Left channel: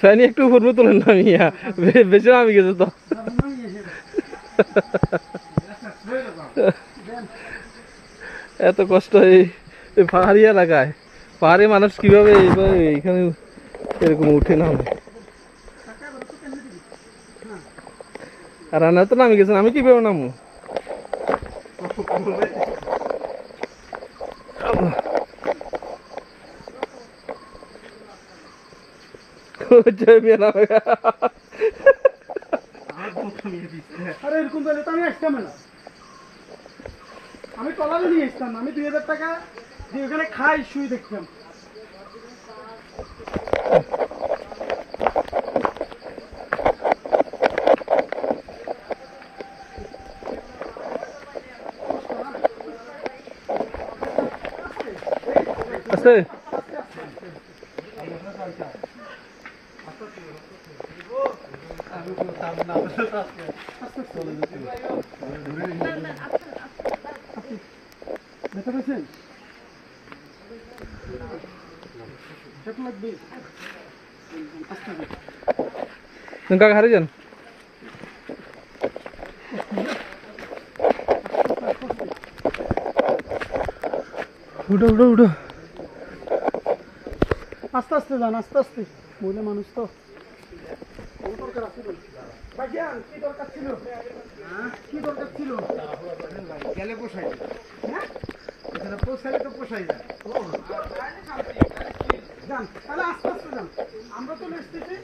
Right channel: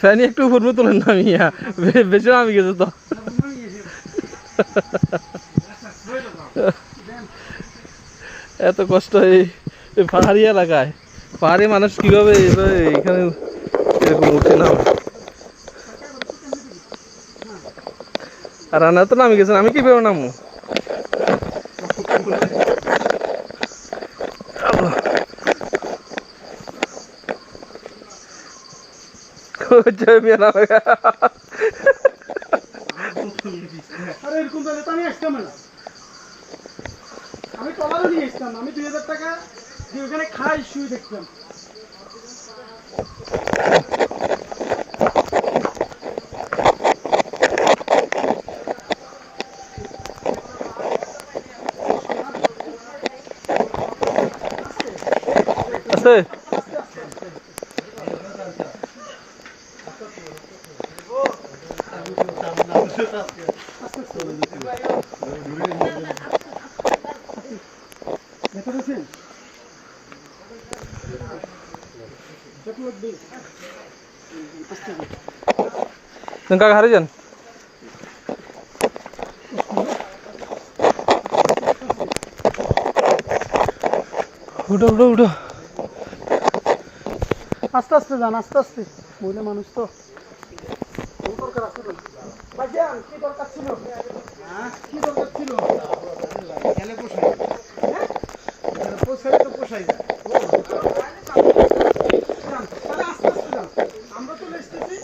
ফ্যানি একটু উপর তুলেন না মিয়া, বেশি আমি গেছে তো। এত কষ্ট এই পাহাড়ি এলাকায়, পাহাড়ি মানুষ কিভাবে এখানে এরকম উঠে না। আর রান্না তো নামি গেছেন, আমি কিভাবে নামবো? আমি টলারও নিয়ে আসতাম, আমি 2000 টাকা দিয়ে ওখানে খাই শুই দেখতাম। আছে দেখা পেয়েছেন? কাকা হারে যান। উঠো উঠো উঠো, আস্তে আস্তে যান, আস্তে আস্তে, মহিলা মানুষ তো। দরকার আছে তো ভাইজান, কি দরকার ছিল? কি দরকার ছিল? গেলে পোষাই, পোষাই তো পোষাই যায়। তাহলে আস্তে আস্তে যান, আমরা তো লেসতেছি।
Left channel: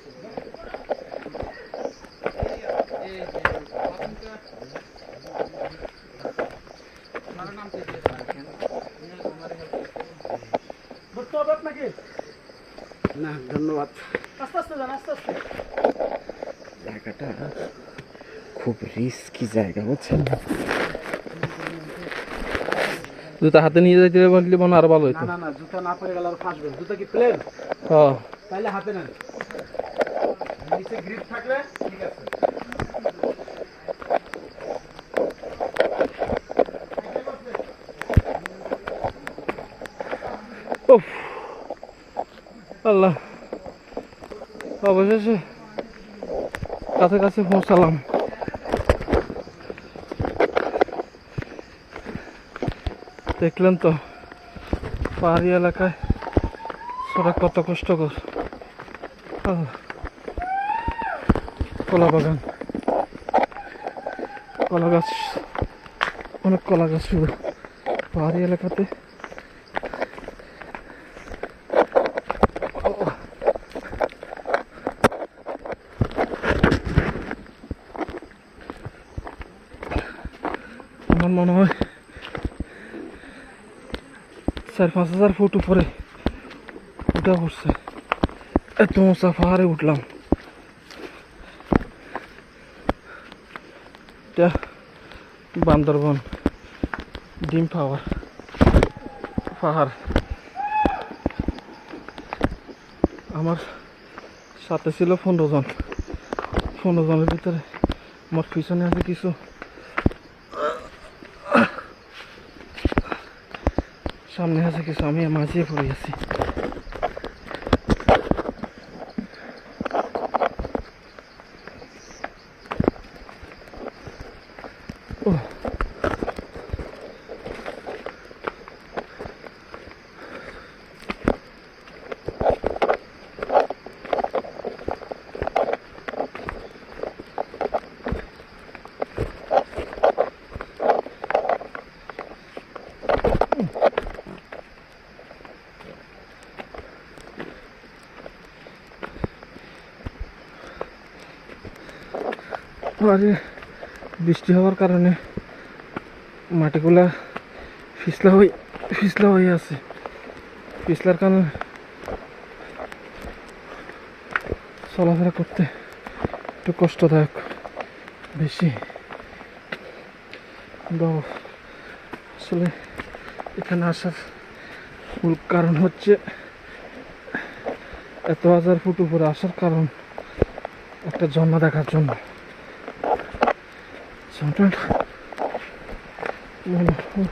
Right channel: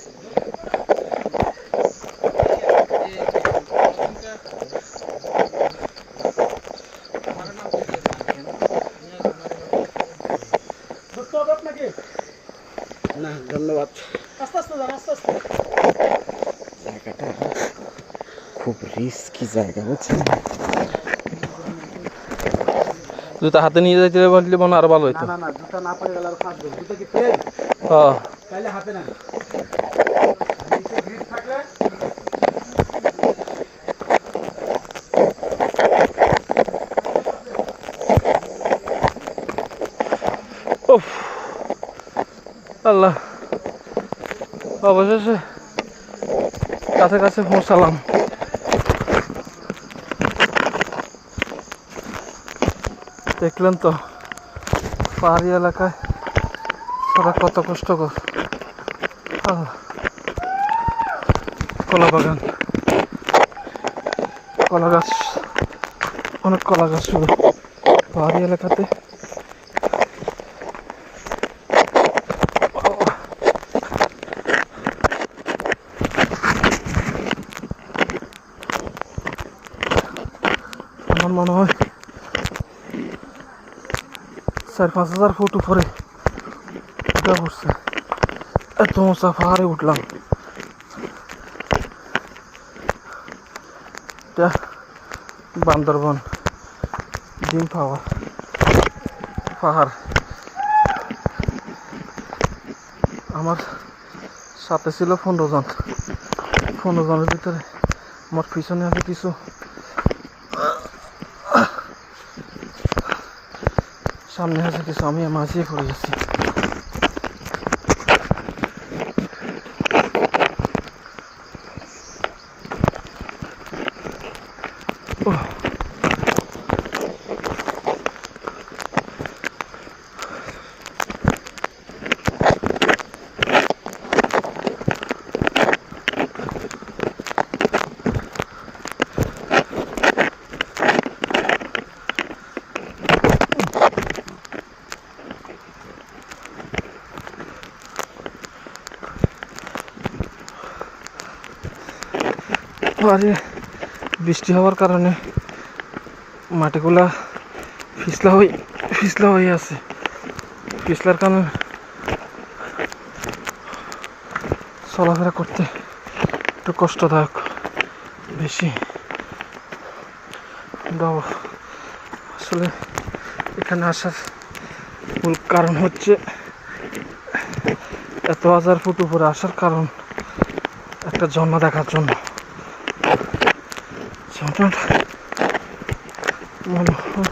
ধরতে হবে আপনাকে না? ধন্যবাদ। আস্তে আস্তে যান, আস্তে আস্তে। জায়গাটা খুব রিস্কি জায়গা, বুঝছেন? জুতা হাতে নিয়ে যাইতে পারলে মনে আরো ভালো হইতো। না না, জুতা না পরে গেলে আর ফাঁসবে। জুতা কি প্লেন? হ্যাঁ, তাইলে হাতে নেন, নিচে গ্রিপ থাকলে ঠিক আছে। উফ আল্লাহ, অবশেষে কাছে কাছে পৌঁছালাম। দেখলেন তো পাহাড়ি এলাকায় ওরা কত কষ্টকর। কলা বাগান, কলা গাছ, অনেক কলা গাছ ছিল পাহাড়ি এলাকাতে। আমার মনে হয় 4-5 হাজার ফুট উপরে উঠে পড়ছে, এত উঁচা পাহাড়ে উঠলাম। এটা বান্দরবন ডিম পাহাড়। আমার সাথে ছিল 15 জন। 15 জনের ভিতরে আমার পিছনে আছে কিছু, সামনে আছে কিছু, আমি মাঝিয়ে পড়ে গেছি। আরে বৃষ্টি হওয়ার কারণে মাটিগুলা পিছলা হয়ে আছে। পিছলার কারণে চলাফেরা করতে একটু কষ্টদায়ক বেশি। আসলে এখানে আসার মূল কারণ হচ্ছে, এত 1000 ফুট উপরে আসার কারণ একটা ঝর্ণা দেখার জন্য। মনে হয়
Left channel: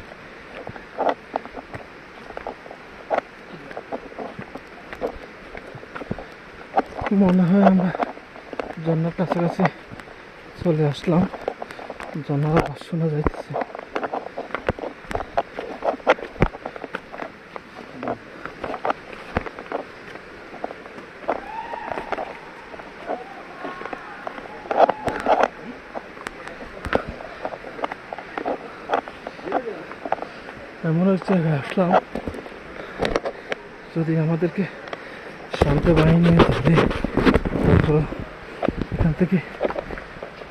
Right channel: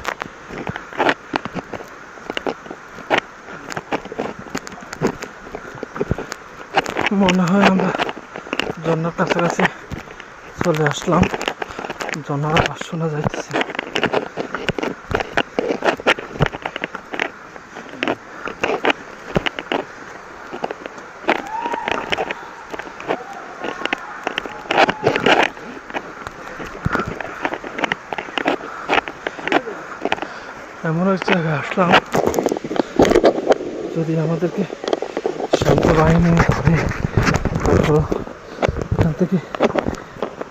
মনে হয় আমরা ঝর্ণার কাছাকাছি চলে আসলাম। ঝর্ণার আওয়াজ শোনা যাইতেছে। এমন এক জায়গায় আসলাম, যদি আমাদেরকে শান্ত বাহিনী ধরে তারপর এখান থেকে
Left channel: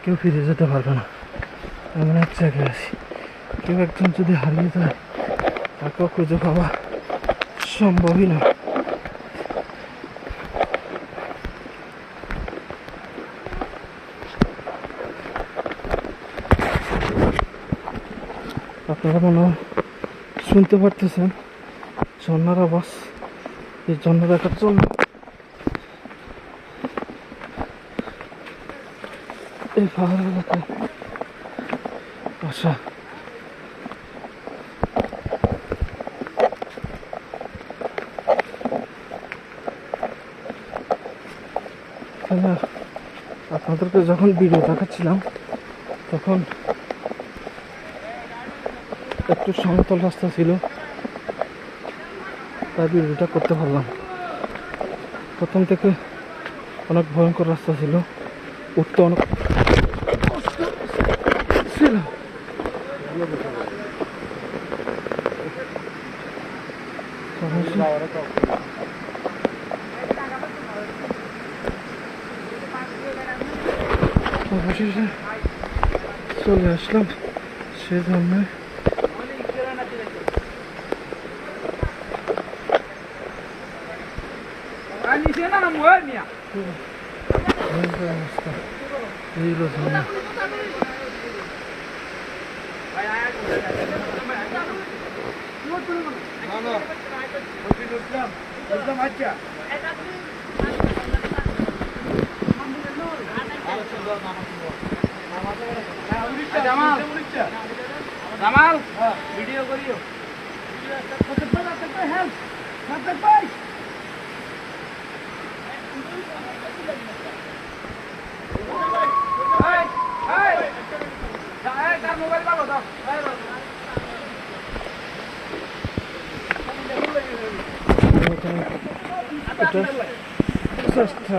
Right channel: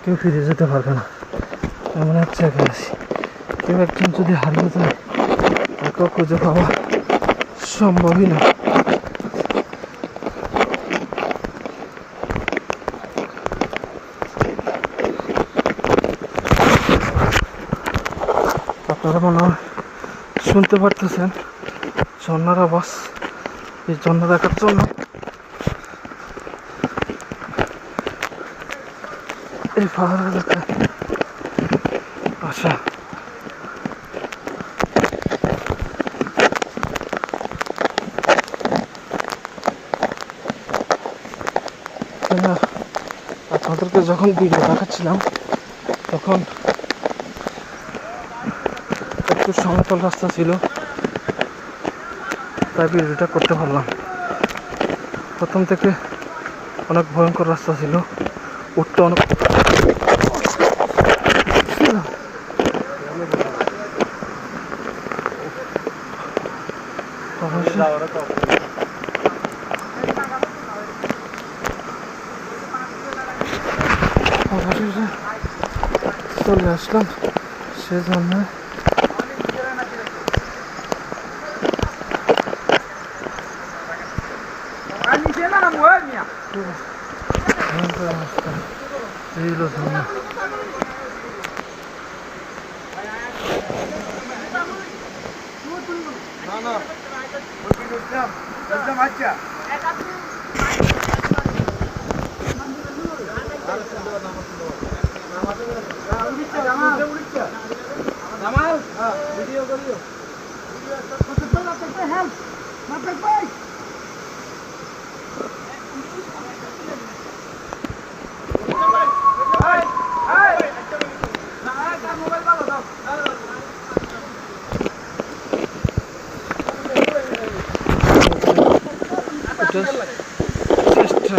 কেউ ফিরে যেতে পারবে না। এমন এক জায়গায় আছে, কেউ একজন যদি হারিয়ে যায় তাকেও খুঁজে পাওয়া সম্ভবই না। আপনারা মনে হয় শুনতে পারতেছেন ঝর্ণার আওয়াজ। এই ঝর্ণা দেখার জন্য এই পাহাড় এলাকায় আসা। আপনাদেরকে যখন ভিডিও দেখাচ্ছিলাম তখন একটু সমতল রাস্তা ছিল, তাই ভিডিওটা করতে পারলাম। প্রথম থেকে অনেক ভয়ঙ্কর রাস্তা ছিল, উঠতে অনেক অবশেষে চলে আসলাম। সেজন্য জামাল ভিডিও করিও। মোবাইল পাবো দাও। চেষ্টা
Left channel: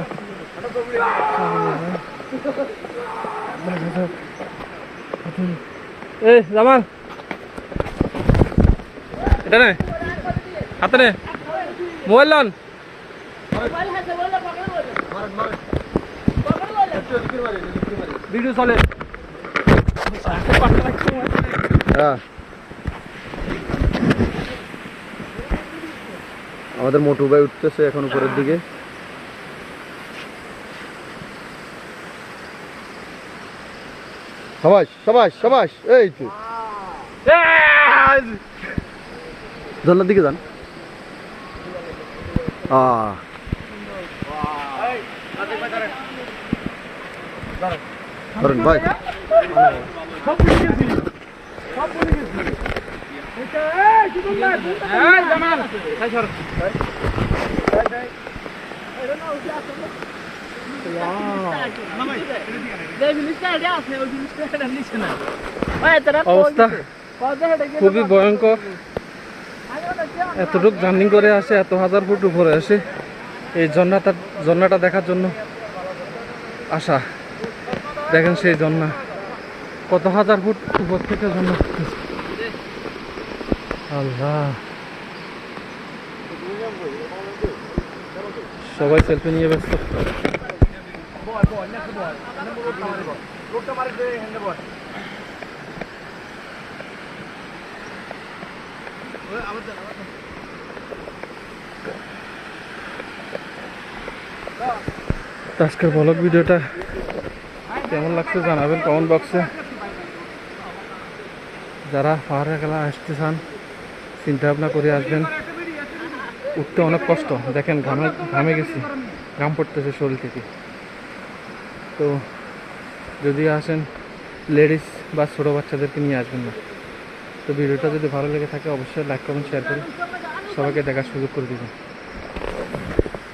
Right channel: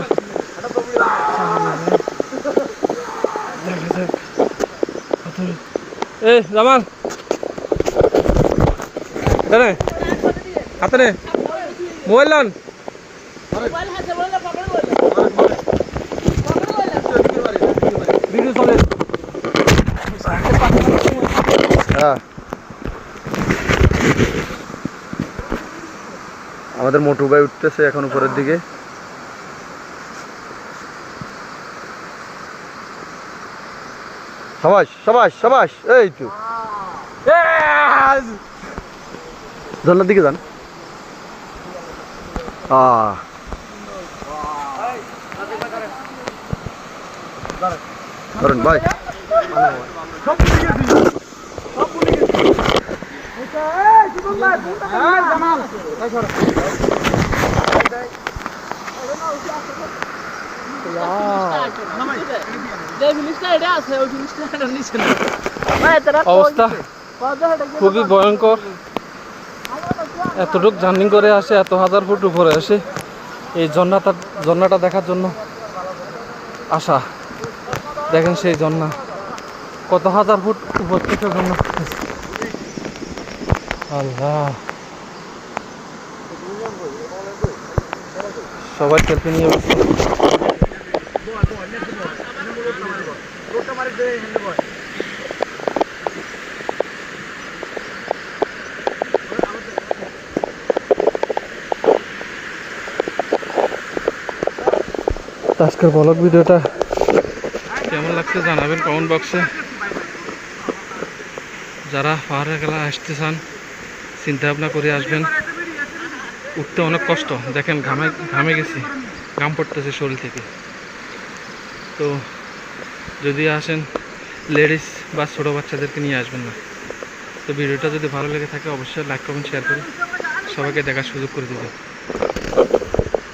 এই জামাল এটা নে হাতে নে মোবাইল লন ভিডিও চলে। আমাদের মোটু ভাই উঠতেছে এখন উপরের দিকে। সাবাস সাবাস সাবাস, এই তো ঝর্ণার দিকে যান। ধরেন ভাই, অবস্থা খুবই ভয়ঙ্কর। এতটুকু জার্নি করে আসে, এত হাজার ফুট উপরে আসে এই ঝর্ণাটা দেখার জন্য আসা। দেখেন সেই ঝর্ণা কত হাজার ফুট উপর থেকে ঝর্ণা। আল্লাহ, সবাই সেলফি নিয়ে ব্যস্ত। আজকের ব্লগ ভিডিওটা কেমন লাগছে জানাবেন কমেন্ট বক্সে। যারা পাহাড়ে গেলা আসতে চান চিন্তা ভাবনা করে আসবেন। উঠতে অনেক কষ্ট, দেখেন ঘামে গেছি, ঘাম পড়তেছে শরীর থেকে। তো যদি আসেন লেডিস বা ছোটো বাচ্চাদেরকে নিয়ে আসবেন না। তো ভিডিওটা যদি ভালো লেগে থাকে অবশ্যই লাইক কমেন্ট শেয়ার করে সবাইকে দেখার সুযোগ করে দেবেন।